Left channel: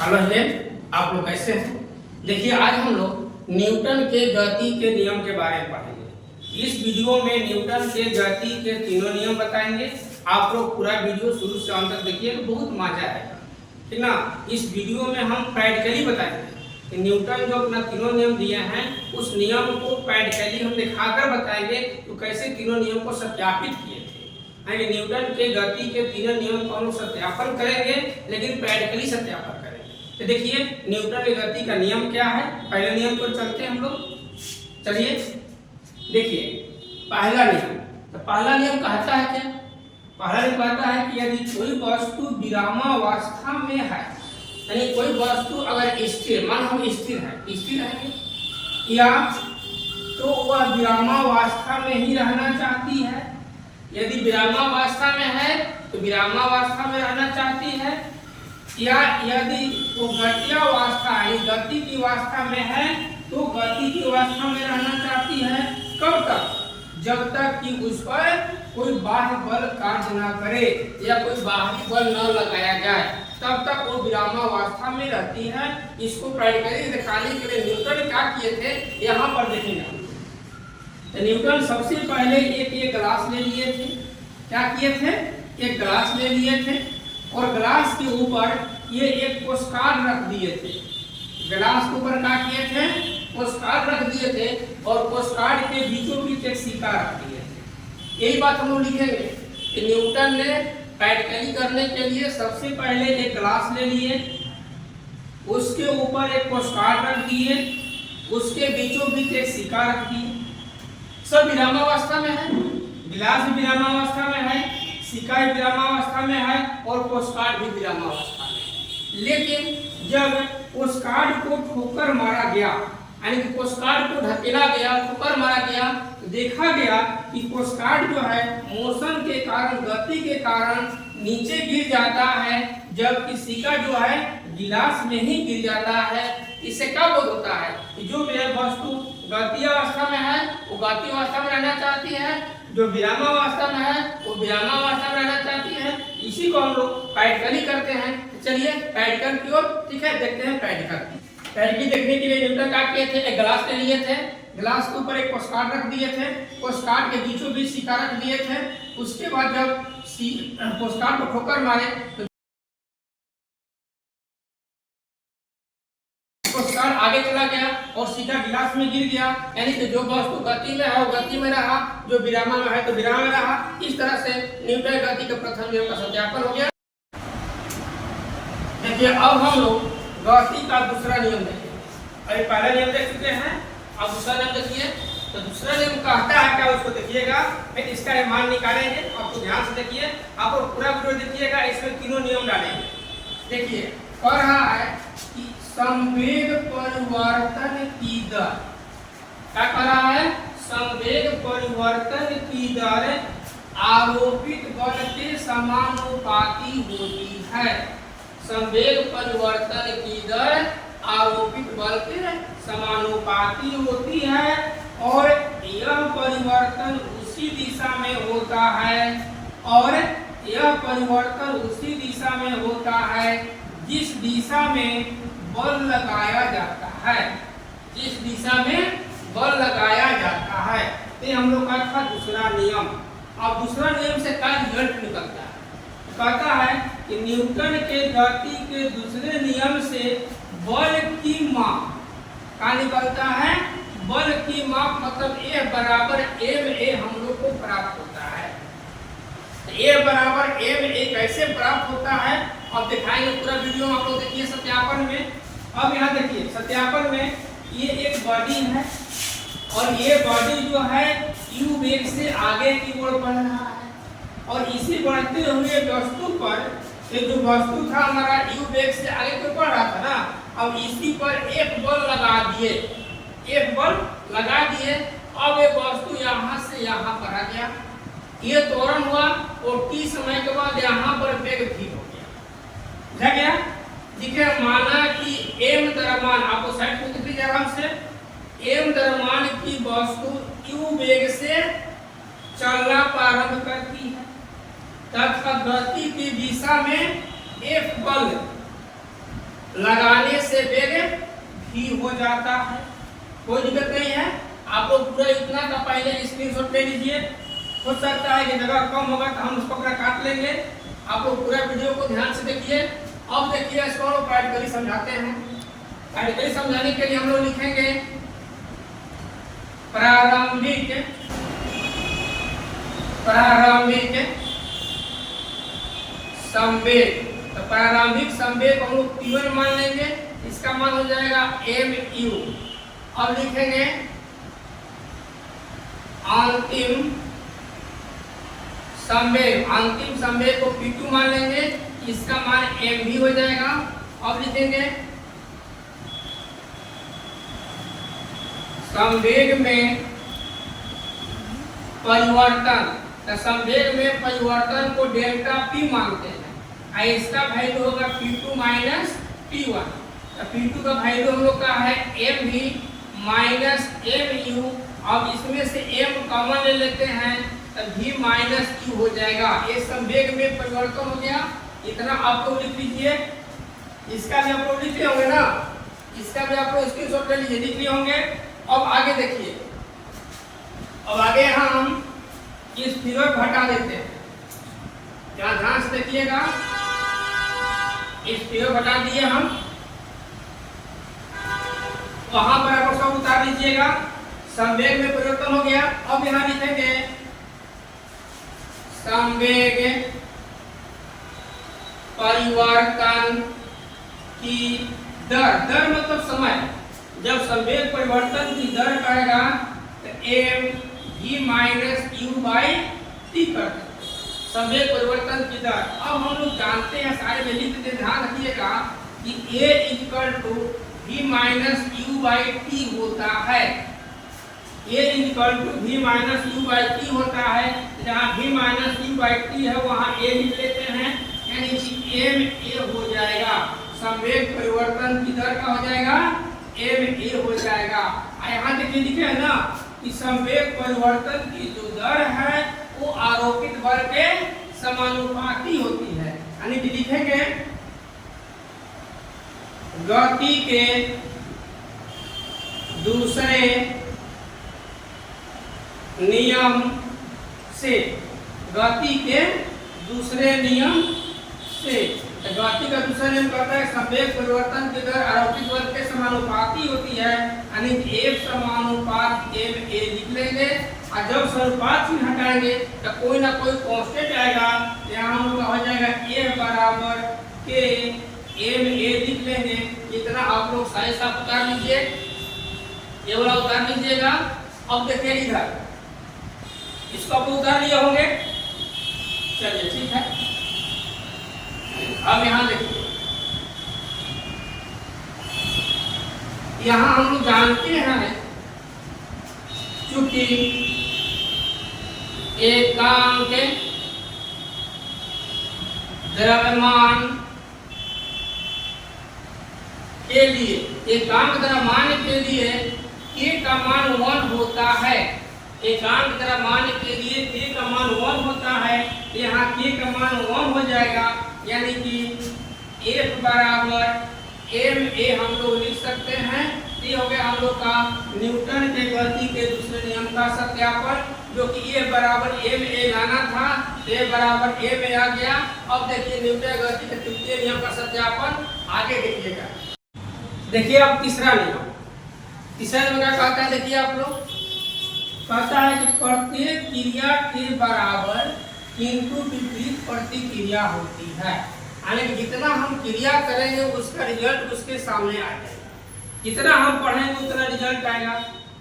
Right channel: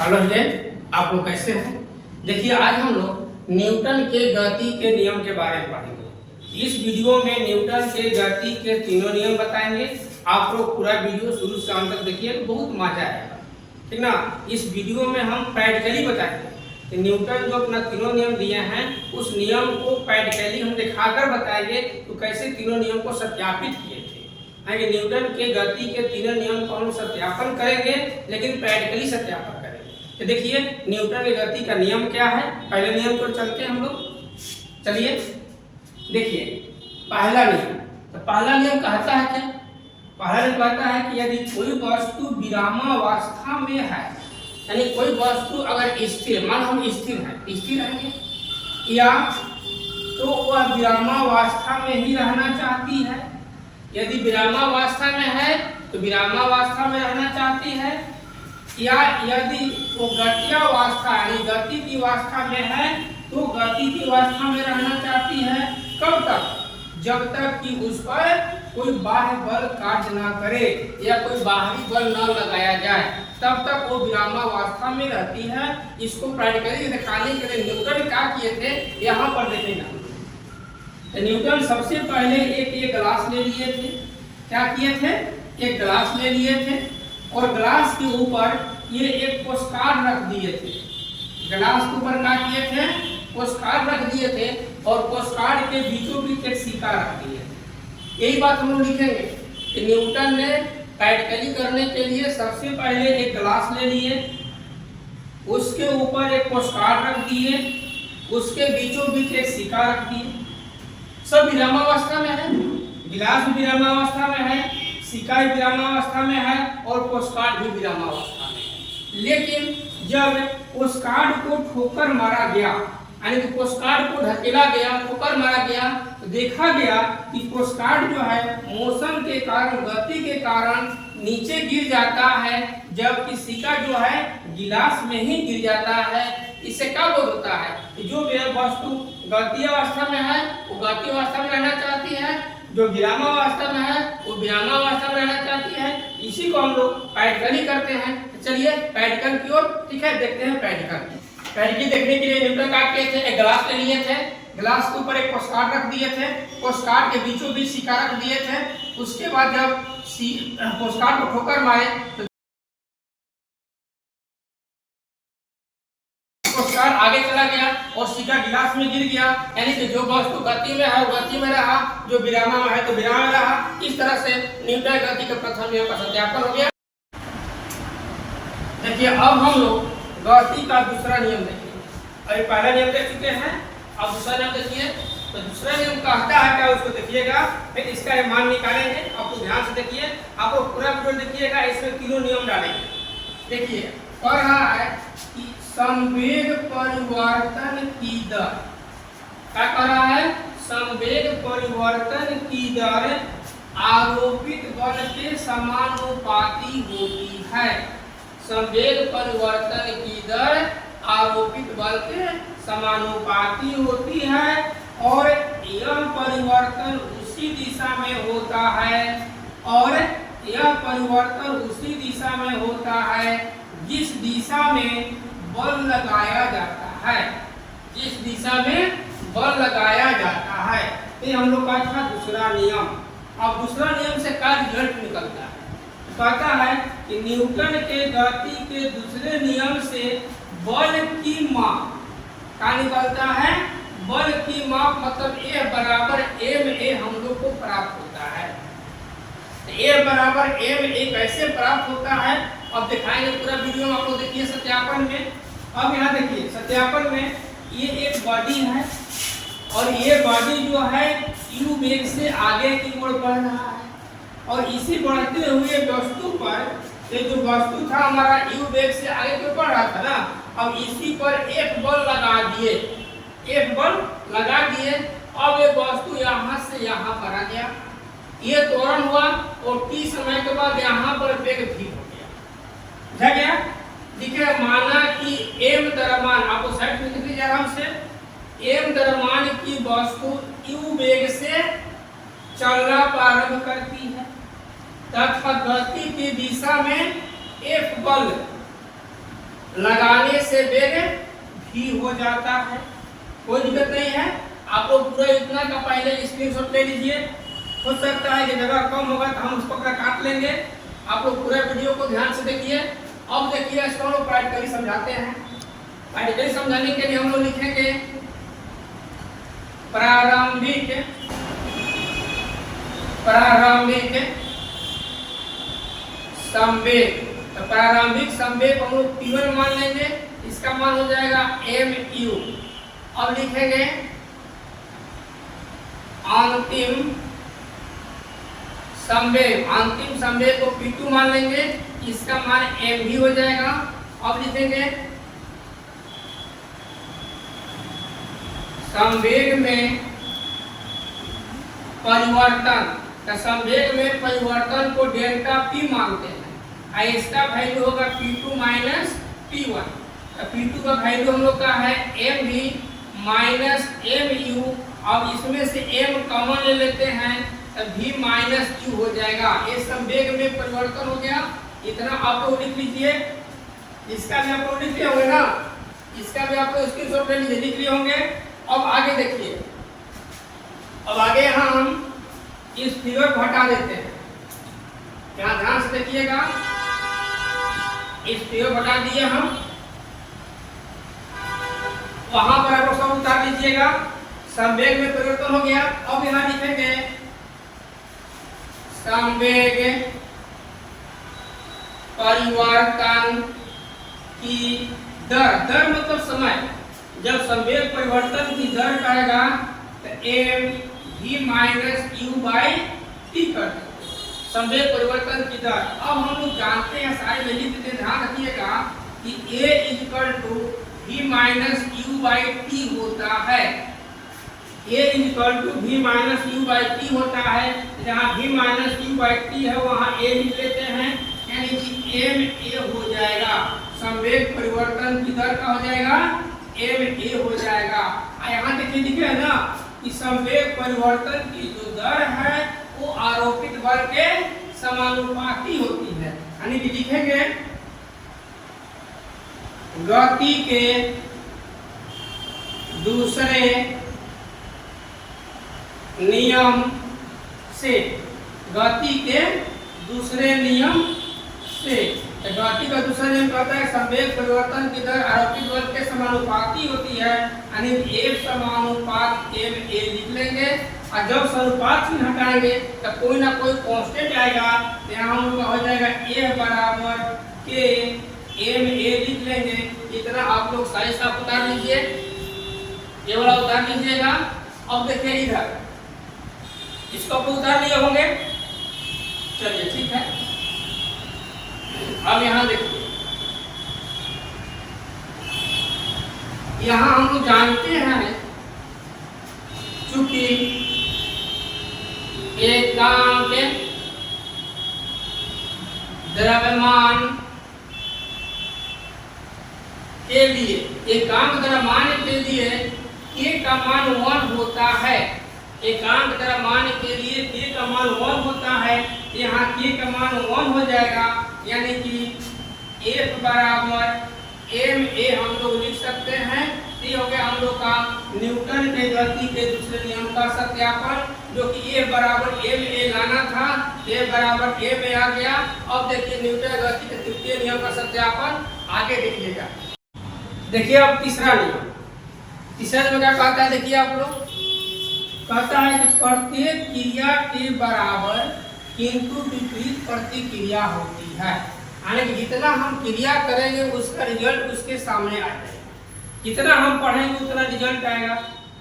Hello student, आप लोग कैसे हैं? देखिए, आज हम लोग न्यूटन के गति के नियम के बारे में पढ़ेंगे। इस वीडियो में न्यूटन के गति के तीनों नियम बताएंगे। आप लोग पूरा वीडियो शुरू से अंत तक देखिए तो बहुत मजा आएगा, ठीक ना। इस वीडियो में हम प्रैक्टिकली बताएंगे कि न्यूटन जो अपना तीनों नियम दिए हैं उस नियम को प्रैक्टिकली हम दिखाकर बताएंगे तो कैसे तीनों नियम को सत्यापित किए थे। न्यूटन के गति के तीनों नियम को हम सत्यापन करेंगे, लेकिन प्रैक्टिकली सत्यापन करेंगे। तो देखिए, न्यूटन की गति का नियम क्या है। पहले नियम को चलते हैं हम लोग। चलिए देखिए, पहला नियम। तो पहला नियम कहता है क्या? पहला नियम कहता है कि यदि कोई वस्तु विरामावस्था में है, यानी कोई वस्तु अगर स्थिर, मान हम स्थिर है या तो वह विरामावस्था में ही रहना चाहती है। यदि विरामावस्था में है तो विरामावस्था में रहना चाहती है, या यदि वो गत्यावस्था यानी गति की अवस्था में है तो गति की अवस्था में रहना चाहती है। कब तक? जब तक कि उस पर कोई बाह्य बल कार्य न करे या कोई बाहरी बल न लगाया जाए, तब तक वो विरामावस्था में रहती है। इसको प्रैक्टिकली दिखाने के लिए न्यूटन क्या किए थे, यहाँ पर देखेंगे। तो न्यूटन सबसे पहले एक ग्लास ले लिए थे। क्या किए थे? एक ग्लास ले लिए थे और ग्लास के ऊपर ये एक पोस्टकार्ड रख दिए थे। ग्लास के ऊपर क्या किए थे? पोस्टकार्ड रख दिए थे और पोस्टकार्ड के बीचों बीच एक सिक्का रख दिए थे। यही बात हम लोग लिखेंगे कि न्यूटन ने प्रैक्टिकली करने के लिए सबसे पहले एक ग्लास ले लिए, उसके ऊपर एक पोस्टकार्ड रख दिए, उसके बीचों बीच एक सिक्का रख दिए। सब विरामावस्था में है, गिलास भी विरामावस्था में है, सिक्का भी विरामावस्था में है और पोस्टकार्ड भी विरामावस्था में है। लेकिन जब पोस्टकार्ड को ठोकर मारा गया, यानी कि पोस्टकार्ड को ढकेला गया, ठोकर मारा गया, तो देखा गया कि पोस्टकार्ड जो है मोशन के कारण, गति के कारण नीचे गिर जाता है, जबकि सिक्का जो है गिलास में ही गिर जाता है। इससे क्या बोध होता है कि जो वस्तु गति अवस्था में है वो गति अवस्था में रहना चाहती है, जो विरामावस्था में है वो विरामावस्था में रहना चाहती है। इसी को हम लोग प्रैक्टिकली करते हैं। तो चलिए प्रैक्टिकल की ओर, ठीक है, देखते हैं प्रैक्टिकल देखने के लिए न्यूटन क्या किए थे? एक ग्लास ले लिए थे, ग्लास के ऊपर एक पोस्टकार्ड रख दिए थे, पोस्टकार्ड के बीचों बीच सिक्का रख दिए थे। उसके बाद जब पोस्टकार्ड को ठोकर मारे तो पोस्टकार्ड आगे चला गया और सिक्का गिलास में गिर गया, यानी कि जो वस्तु गति में है वो गति में रहा, जो विरामा में है तो विराम में रहा। इस तरह से न्यूटन गति के प्रथम नियम का सत्यापन हो गया। देखिए, अब हम लोग गति का दूसरा नियम देखेंगे। अभी पहला नियम देख चुके हैं, अब दूसरा नियम देखिए। तो दूसरा नियम कहता है क्या, उसको देखिएगा, फिर इसका मान निकालेंगे। आपको ध्यान से देखिए, आप लोग पूरा वीडियो देखिएगा, इसमें तीनों नियम डालेंगे। देखिए, कह रहा है कि संवेग परिवर्तन की दर, क्या कह रहा है? संवेग परिवर्तन की दर आरोपित बल के समानुपाती होती है। संवेग परिवर्तन की दर आरोपित बल के समानुपाती होती है और यह परिवर्तन उसी दिशा में होता है, और यह परिवर्तन उसी दिशा में होता है जिस दिशा में बल लगाया जाता है, जिस दिशा में बल लगाया जाता है। ये हम लोग का था दूसरा नियम। अब दूसरा नियम से क्या रिजल्ट निकलता है? कहता है कि न्यूटन के गति के दूसरे नियम से बल की माप क्या निकलता है? बल की माप मतलब A बराबर ma हम लोग को प्राप्त होता है। A बराबर ma कैसे प्राप्त होता है अब दिखाएंगे पूरा वीडियो में। आप लोग देखिए सत्यापन में। अब यहाँ देखिए सत्यापन में ये एक बॉडी है और ये बॉडी जो है u वेग से आगे की ओर बढ़ रहा है, और इसी बढ़ते हुए वस्तु पर, ये जो वस्तु था हमारा u वेग से आगे की ओर बढ़ रहा था ना, अब इसी पर एक बल लगा दिए, एक बल लगा दिए। अब ये वस्तु यहाँ से यहाँ पर आ गया, ये त्वरण हुआ और t समय के बाद यहाँ पर वेग भी हो गया। गया ठीक है। माना कि m द्रव्यमान, आपको साइड में लिख लीजिए आराम से, m द्रव्यमान की वस्तु u वेग से चलना प्रारंभ करती है तथा गति की दिशा में F बल लगाने से वेग भी हो जाता है, कोई दिक्कत नहीं है। आप लोग पूरा इतना का पहले स्क्रीनशॉट ले लीजिए। हो सकता है कि जगह कम होगा तो हम उसको अपना काट लेंगे। आप लोग पूरा वीडियो को ध्यान से देखिए। अब देखिए इसको हम लोग प्रैक्टिकली समझाते हैं। प्रैक्टिकली समझाने के लिए हम लोग लिखेंगे प्रारंभिक संवेग। तो प्रारंभिक संवेग हम लोग P1 मान लेंगे, इसका मान हो जाएगा mu। अब लिखेंगे अंतिम संवेग को P2 मान लेंगे, इसका मान mv हो जाएगा। अब लिखेंगे संवेग में परिवर्तन। तो संवेग में परिवर्तन को डेल्टा P मानते हैं। इसका वैल्यू होगा P2 माइनस P1। तो P2 का वैल्यू हम लोग का है mv माइनस mu। अब इसमें से m कॉमन ले लेते हैं तो v माइनस q हो जाएगा। ये संवेग में परिवर्तन हो गया। इतना आप लोग लिख लीजिए। इसका भी आप लोग लिख लिए होंगे ना, इसका भी आप लोग स्क्रीनशॉट ले लीजिए, लिख लिए होंगे। अब आगे देखिए, अब आगे हम इस फिगर को हटा देते हैं। क्या ध्यान से देखिएगा, इस फिगर को हटा दिए हम, वहां पर आप सब उतार लीजिएगा। संवेग में परिवर्तन हो गया। अब यहाँ लिखेंगे संवेग परिवर्तन की दर मतलब समय। जब संवेग परिवर्तन की दर करेगा तो mv minus u by t कर संवेग परिवर्तन की दर। अब हम लोग जानते हैं, सारे में लिख देते, ध्यान रखिएगा कि a equal to v minus u by t होता है। a equal to v minus u by t होता है। जहाँ v minus u by t है वहाँ a लिख लेते हैं, यानी कि ma हो जाएगा। संवेग परिवर्तन की दर का हो जाएगा ma हो जाएगा। यहाँ देखिए लिखे है ना कि संवेग परिवर्तन की जो दर है वो आरोपित बल के समानुपाती होती है। यानी कि लिखेंगे गति के दूसरे नियम से, गति के दूसरे नियम से। गति का दूसरा नियम कहता है संवेग परिवर्तन की दर आरोपित बल के समानुपाती होती है, यानी एक समानुपात ma लिख लेंगे। और जब समानुपात चिन्ह हटाएंगे तो कोई ना कोई कांस्टेंट आएगा। यहाँ हम लोग हो जाएगा a बराबर k ma लिख लेंगे। इतना आप लोग साइज साफ उतार लीजिए, ये वाला उतार लीजिएगा। अब देखिए इधर, इसको आप उतार लिए होंगे, चलिए ठीक है। अब यहाँ देखिए, यहाँ हम जानते हैं चूंकि एकांक द्रव्यमान के लिए, एकांक द्रव्यमान के लिए k का मान 1 होता है। एकांक द्रव्यमान के लिए k का मान 1 होता है। यहाँ k का मान 1 हो जाएगा, यानी कि F बराबर ma हम लोग लिख सकते हैं। ये हो गया हम लोग का न्यूटन के गति के दूसरे नियम का सत्यापन, जो कि F बराबर ma लाना था, F बराबर ma आ गया। अब देखिए न्यूटन गति के तृतीय नियम का सत्यापन, आगे देखिएगा। देखिए अब तीसरा नियम, तीसरा नियम क्या कहता है, देखिए आप लोग, कहता है कि प्रत्येक क्रिया के बराबर किंतु विपरीत प्रतिक्रिया होती है। यानी कि जितना हम क्रिया करेंगे उसका रिजल्ट उसके सामने आ जाएगा, जितना हम पढ़ेंगे उतना रिजल्ट आएगा।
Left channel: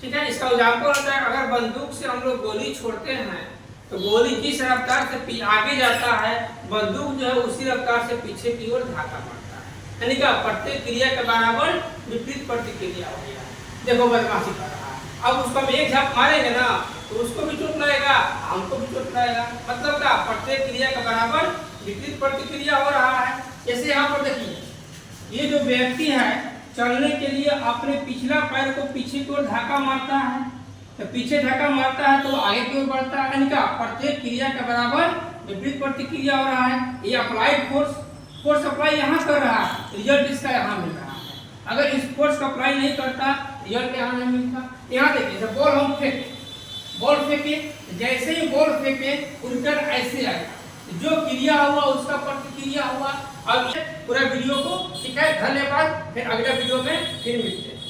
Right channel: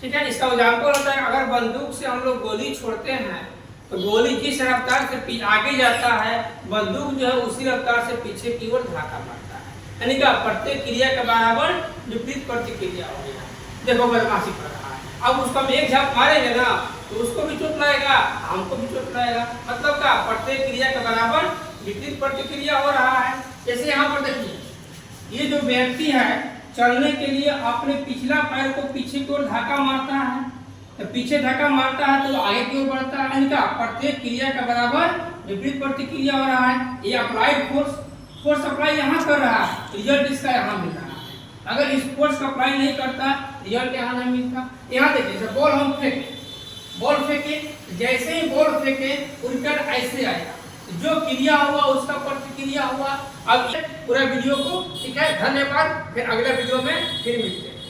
ठीक है, इसका एग्जाम्पल होता है, अगर बंदूक से हम लोग गोली छोड़ते हैं तो गोली जिस रफ्तार से आगे जाता है, बंदूक जो है उसी रफ्तार से पीछे की ओर धक्का मारता है। यानी कि प्रत्येक क्रिया के बराबर विपरीत प्रतिक्रिया हो गया। देखो बदमाशी कर रहा है, अब उसको हम एक झप मारेंगे ना तो उसको भी चोट लगेगा, हमको भी चोट लगेगा। मतलब क्या, प्रत्येक क्रिया के बराबर विपरीत प्रतिक्रिया हो रहा है। जैसे यहाँ पर देखिए, ये जो व्यक्ति है चलने के लिए अपने पिछला पैर को पीछे की ओर धक्का मारता है, तो पीछे धक्का मारता है तो आगे की ओर बढ़ता है। यानी क्या, प्रत्येक क्रिया के बराबर विपरीत प्रतिक्रिया हो रहा है। ये अप्लाइड फोर्स फोर्स अप्लाई यहाँ कर रहा है, रिजल्ट इसका यहाँ मिल रहा है। अगर इस फोर्स का अप्लाई नहीं करता, रिजल्ट यहाँ नहीं मिलता। यहाँ देखिए, जब बॉल हम फेंके, बॉल फेंके, जैसे ही बॉल फेंके उल्टा ऐसे आएगा, जो क्रिया हुआ उसका प्रतिक्रिया हुआ। अब पूरा वीडियो को, ठीक है, धन्यवाद। फिर अगले वीडियो में फिर मिलते हैं।